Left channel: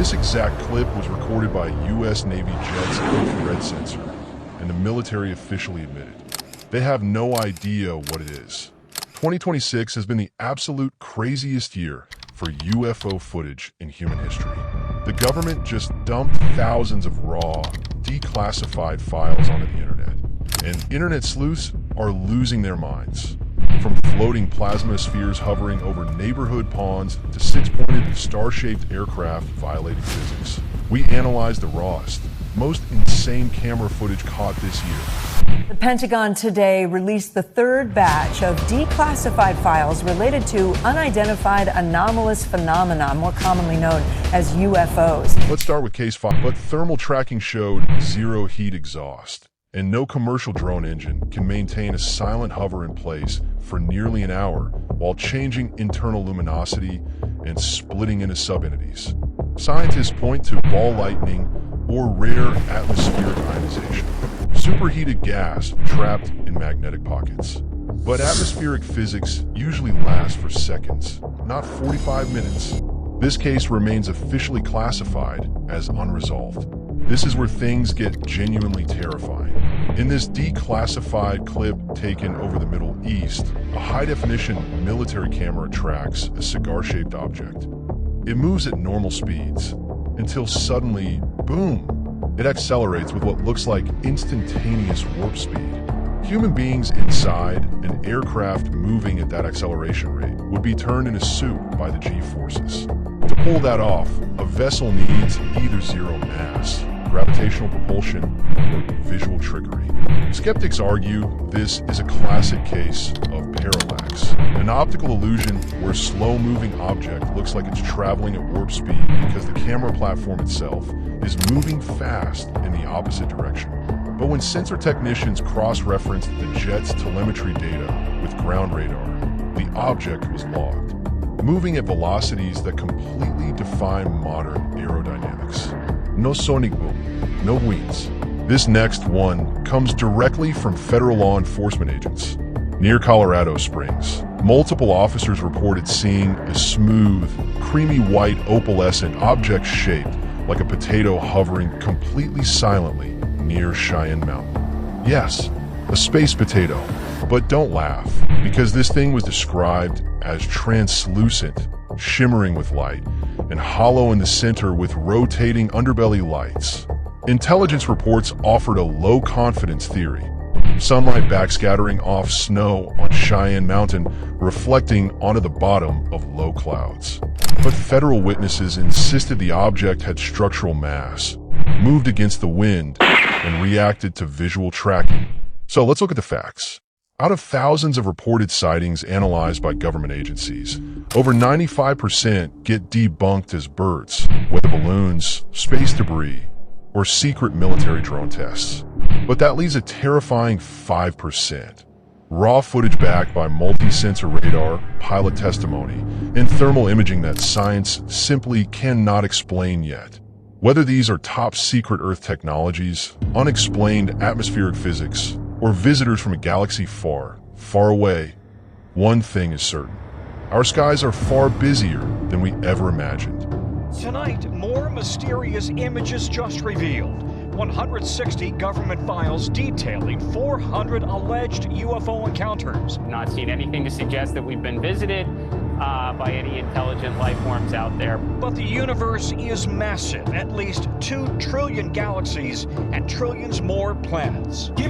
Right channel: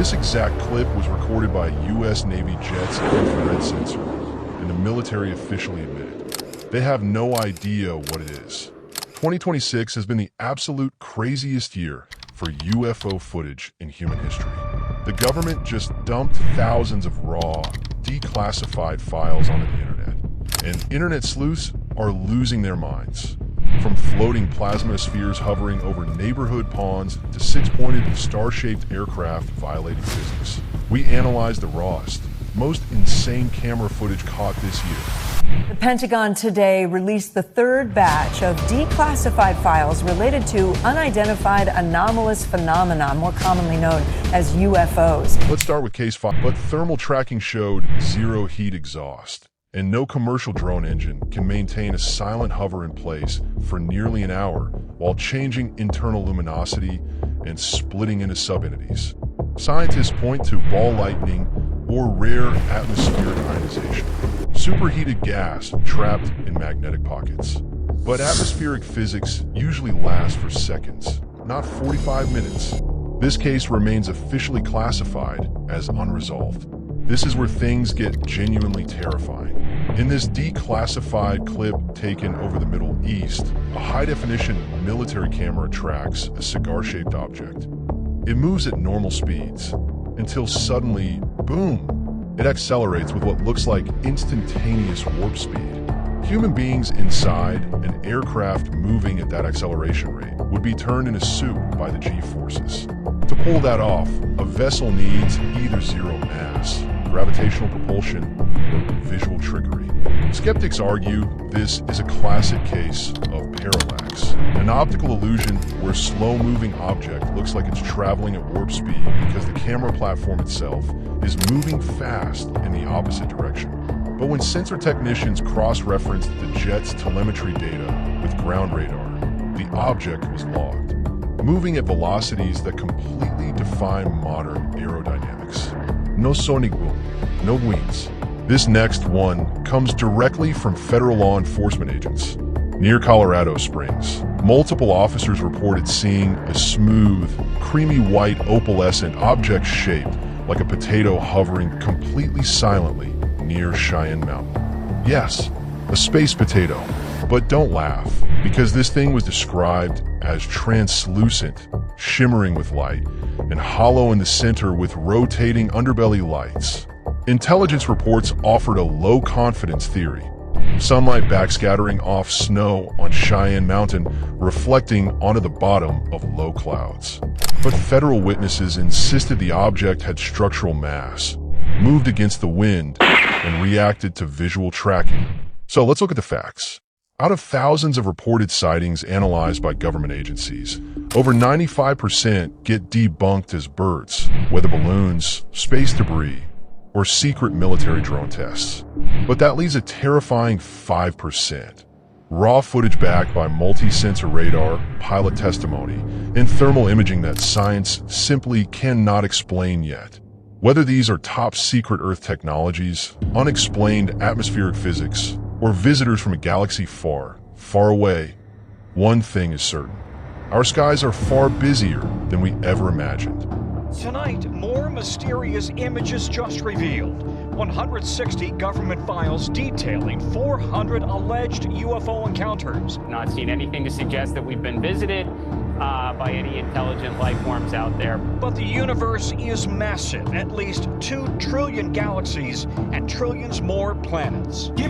This exact clip was recorded by a U.S. Navy jet's infrared sensor, and the military officially admitted they have no idea what it is. 2026 has been the absolute craziest year for UFO footage in human history. The government just dumped thousands of raw, declassified files onto the internet, and internet sleuths are losing their minds. From floating plasma spheres hovering over neighborhood ponds to six-pointed, star-shaped aircraft violating physics. We analyzed the rawest, most insane camera footage caught this year. The Pentagon today released the third batch of declassified files related to unidentified anomalous phenomena, more commonly known as UFOs. Let's start with case 5. But thermal tracking showed zero heat exhaust, and no commercial drone engine can maintain a silent hover in place for nearly an hour while changing internal luminosity and splitting into subentities. Scientists point to ball lightning or rare atmospheric ionization, superheated gas trapped in magnetic pockets. But atmospheric physics usually lasts for seconds, not 45 minutes. This case remains officially classified as unresolved. This is where things get genuinely terrifying. In this declassified clip taken over the Middle East, a high-definition military camera tracks a cigar-shaped object. It moves at normal speeds until suddenly, boom, it accelerates with what looks like instantaneous warp speed. Human beings inside an aircraft moving at that acceleration rate would be turned in a soup by the G-forces. To pull that off, a vessel needs either zero mass, gravitational propulsion, or visual trickery. Skeptics argue this is a classic case of parallax, an optical illusion where a slow-moving object looks like it's traveling at warp speed because the camera platform itself is moving fast in the opposite direction. But when sensor technicians cross-referenced the jet's telemetry data with ground radar, the object was logged, moving at velocities that completely defy modern aerodynamics. No sonic boom, no wings. This next one comes directly from federal law enforcement agents. Near Colorado Springs, multiple officers reported seeing a smooth, creamy white opalescent object shaped like a potato hovering completely silently near Cheyenne Mountain. Yes, a space potato. But don't laugh, because this thing was described as translucent, shimmering with light, and hollow in the center with rotating underbelly lights. Intelligence reports offered a low-confidence theory. Sunlight backscattering off snow on Cheyenne Mountain, reflecting onto the bottom of low clouds. But federal witnesses insisted the object had structural mass, moved against the wind, and reacted to visual tracking. So let's look at the facts. Out of thousands of reported sightings analyzed by government agencies, over 95% get debunked as birds, weather balloons, space debris, or secret military drone tests. But that leaves a terrifying 5%. Raw footage backed by multi-sensor radar, pilot testimony, and thermal imaging that science simply cannot explain yet. Whether these are top-secret Earth technologies, unexplained atmospheric physics, or visitors from a galaxy far, far away, one thing is certain. Our skies are far busier than we ever imagined. Tonight, more mysterious images just revealed. 160 government files detailing 400 alleged UFO encounters. Not seen anything to suggest that we've been visited by any intelligent life forms out there. But the universe is massive, at least 2 trillion galaxies and trillions more planets.